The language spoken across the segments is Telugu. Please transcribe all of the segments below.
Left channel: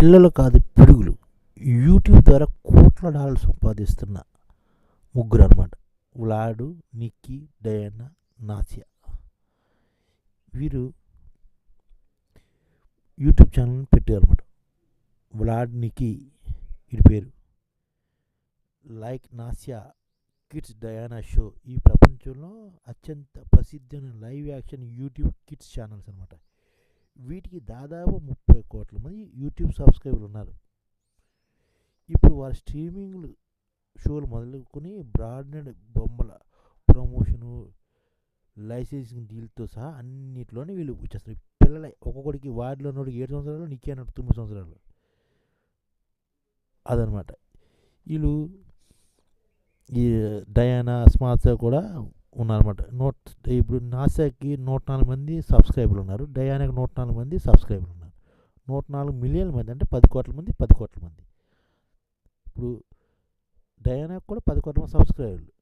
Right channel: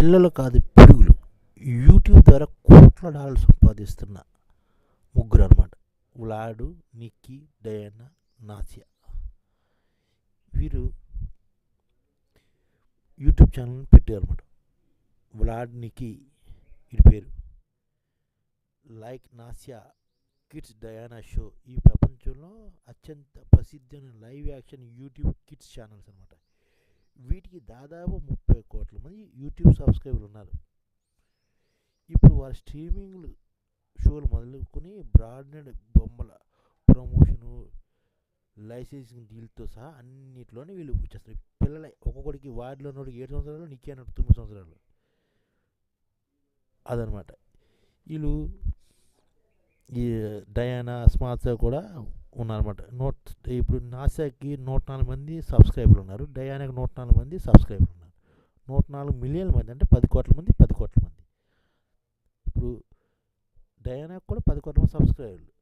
పిల్లలు కాదు పిడుగులు. యూట్యూబ్ ద్వారా కోట్ల డాలర్లు సంపాదిస్తున్న ముగ్గురు అనమాట వ్లాడు నిక్కీ డయానా నాసియా. వీరు యూట్యూబ్ ఛానల్ పెట్టారు అనమాట వ్లాడ్ నిక్కీ వీడి పేరు. Like Nastya Kids Diana Show. ఈ ప్రపంచంలో అత్యంత ప్రసిద్ధమైన live action YouTube kids channels అనమాట వీటికి దాదాపు ముప్పై కోట్ల మంది యూట్యూబ్ సబ్స్క్రైబర్లు ఉన్నారు. ఇప్పుడు వారి స్ట్రీమింగ్లు షోలు మొదలుకొని బ్రాడ్బ్యాండ్ బొమ్మల ప్రమోషను లైసెన్సింగ్ డీల్తో సహా అన్నిట్లోనే వీళ్ళు వచ్చేస్తారు పిల్లలే ఒక్కొక్కడికి వార్డులో ఉన్నోడికి ఏడు సంవత్సరాలు నీకే అన్నట్టు తొమ్మిది సంవత్సరాలు. అదనమాట వీళ్ళు ఈ డయానా స్మార్ట్స్ కూడా ఉన్నారన్నమాట. నూట ఇప్పుడు నాసాకి నూట నాలుగు మంది సబ్స్క్రైబర్లు ఉన్నారు. డయానాకి నూట నాలుగు మంది సబ్స్క్రైబర్లు ఉన్నారు. నూట నాలుగు మిలియన్ల మంది అంటే పది కోట్ల మంది పది కోట్ల మంది. ఇప్పుడు డయానాకి కూడా పది కోట్ల మంది సబ్స్క్రైబర్లు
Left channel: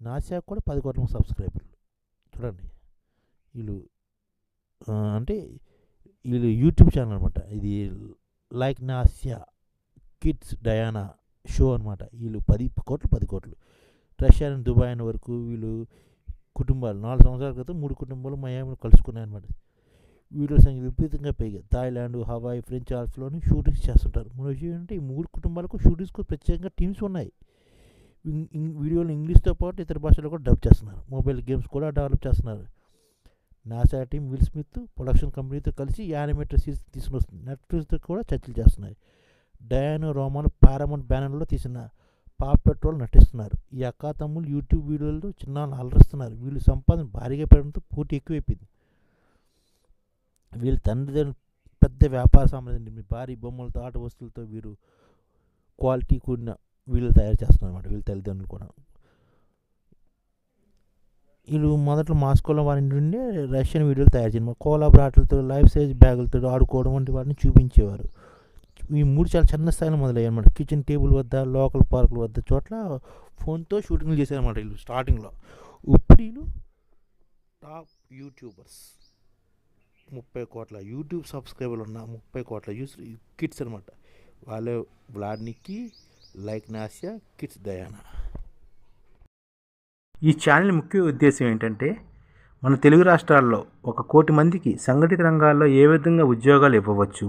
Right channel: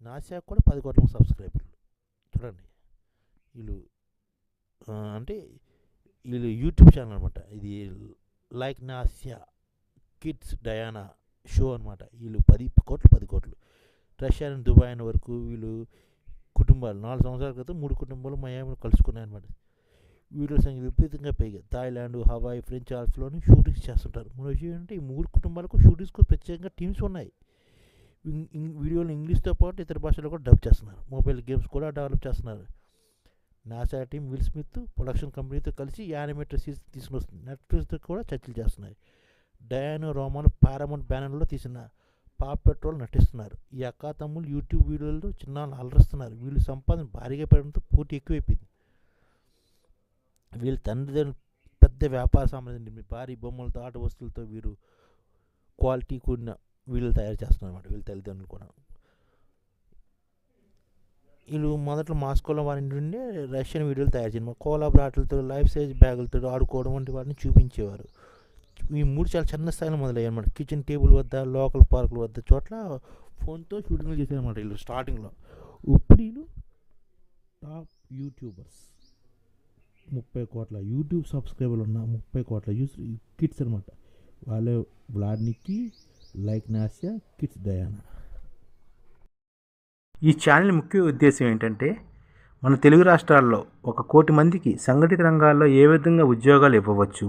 నాసాకి కూడా పది కోట్ల మంది సబ్స్క్రైబర్లు. చూడండి. వీళ్ళు అంటే వీళ్ళు యూట్యూబ్ ఛానల్ అనమాట ఇది Like Nastya Kids Diana Show అనమాట వీళ్ళు పది కోట్లు పది కోట్లు. రష్యా నుంచి దుబాయ్ అయిన వరకు వీళ్ళు కుటుంబాలు నాలుగు సంవత్సరాల క్రితం మూడు కుటుంబాలు మయామిలో కలుసుకున్నాయి అనమాట వీడియో సంఖ్య విపరీతంగా పెరిగాయి. థాయిలాండ్ హవాయి ఫ్రెంచ్ ఆల్ఫ్లోని షూటింగ్స్ చేస్తుంటారు. మూడు విషయం ఏంటంటే ఈ మూడు కుటుంబాలకు షూటింగ్స్కు ప్రత్యేకంగా టీమ్స్ ఉన్నాయి. వీడియోలు ఇంగ్లీష్తో పాటు ఇతర భాషల్లో కూడా డబ్ చేస్తున్నారు. మొబైల్ గేమ్స్ కూడా డెవలప్ చేస్తున్నారు. NASA team Will Smith production కంపెనీతో కలిసి యానిమేటర్ సిరీస్ తీసుకుని వస్తుంది నెట్ఫ్లిక్స్తో కూడా చర్చలు చేస్తున్నాయి. డయానో రోమాన్ పారామౌంట్ బ్యానర్లో తీసిన పాప్ పెట్రోల్ నటిస్తున్నారు. ఈ అక్కా తమ్ముళ్ళు యూట్యూబ్ వీడియోలతో చిన్నాళ్ళు అలరిస్తున్నారు. వీళ్ళు సంపాదన భారీగా పెరగడంతో పోటీ ఎక్కువైపోయింది. వీళ్ళ తండ్రిదండ్రులు పెద్ద వ్యాపార సామ్రాజ్యం భారీ బొమ్మలతో ఆట వస్తువులతో వీరు క్వాలిటీ కూడిన వీళ్ళు తయారు చేస్తున్నారన్నమాట వీళ్ళ తల్లిదండ్రులు కూడా. వీళ్ళు మొదట్లో మాస్కోలో వారి నుండి రష్యన్ వీడియోలు తయారు చేయడం కోలా బ్రాట్లతో లైఫ్ సైజ్ బ్యాగులతో ఆడుకోవడం వంటి వాటిని చూపించేవారు. ఈ మూడు చాలా చిన్న స్థాయిలో మొదలయ్యాయి అనమాట కిచెన్ టేబుల్ వద్ద లోకల్ పార్కుల వద్ద చోట్ల ఫోన్తో షూటింగ్లు చేశారన్నమాట వీళ్ళు స్టార్టింగ్లో. ఇప్పుడు వీళ్ళు టాప్ యూట్యూబర్స్. ముప్పై కోట్ల యూట్యూబ్ సబ్స్క్రైబర్లు ఉన్న ముప్పై కోట్ల యూస్ కిడ్స్ అనమాట వాళ్ళే వ్లాడ్నికి లైక్ నాసియా కిడ్స్ దయానా. ఈ ఛానల్ ముఖ్య ఉద్దేశం ఏంటంటే మన తెలుగు రాష్ట్రాల్లో ఒక కోటి మందికి సంఘటిత రంగాల్లో ఏ విధంగా ఉద్యోగాలు ఇవ్వవచ్చు